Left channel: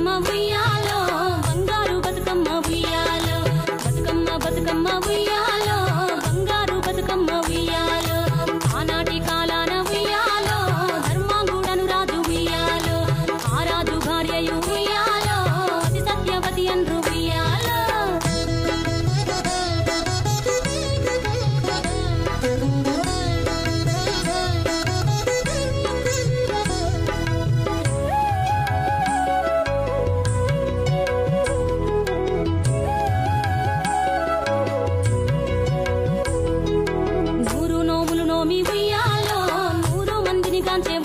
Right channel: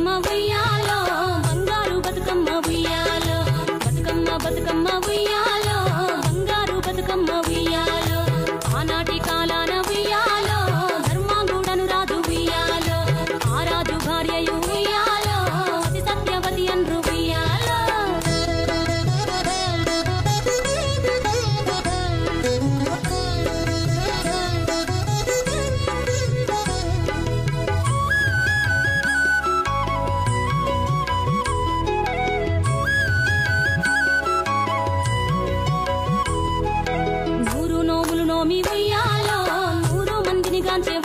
బతుకమ్మ ఉయ్యాలో బంగారు బతుకమ్మ ఉయ్యాలో బతుకమ్మ బతుకమ్మ ఉయ్యాలో బంగారు బతుకమ్మ ఉయ్యాలో ఆనాటి కాలాన ఉయ్యాలో ధర్మాంగుడను రాజు ఉయ్యాలో ఆ రాజు భార్యయు ఉయ్యాలో అతి సత్యవతి అన్రు ఉయ్యాలో నోములు నోమి ఉయ్యాలో 100 మందిని గాంచే